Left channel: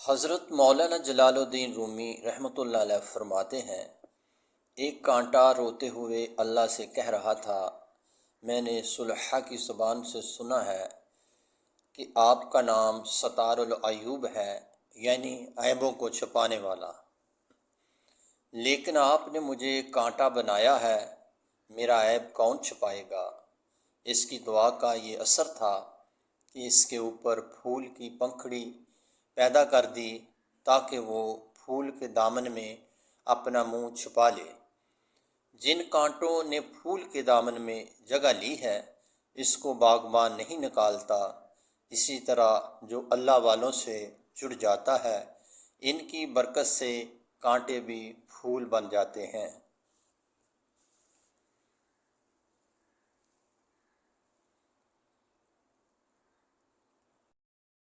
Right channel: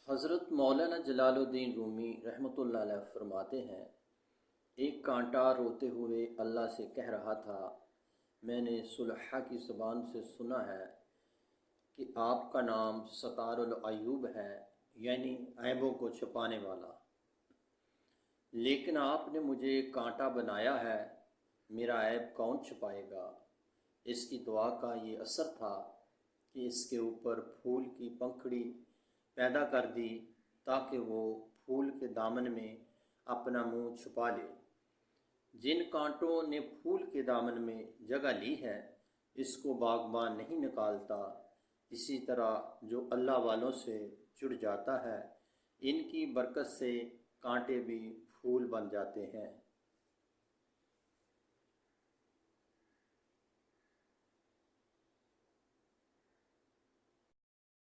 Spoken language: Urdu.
حضرت مولانا جلال الدین رومی رحمۃ اللہ علیہ فرماتے ہیں، ایک کانٹا روتے ہوئے اللہ سے کہہ رہا تھا، میں نے صلحاء کی زبان سے سنا ہے کہ آپ کا نام ستار العیوب ہے، یعنی عیبوں کو چھپانے والا، لیکن آپ نے مجھے کانٹا بنایا ہے، میرا عیب کون چھپائے گا؟ اس کی دعا کا یہ اثر تھا کہ اس کے اوپر پھول کی پنکھڑی پیدا کر دی تاکہ وہ پھول کے دامن میں اپنا منہ چھپا لے۔ جن کانٹوں نے پھول کے دامن میں جگہ لی ہے، اس کو باغبان نہیں نکالتا، اسی طرح جو اللہ والوں سے جڑ جاتا ہے، ان کی برکت سے کانٹے بھی پھول بن جاتے ہیں۔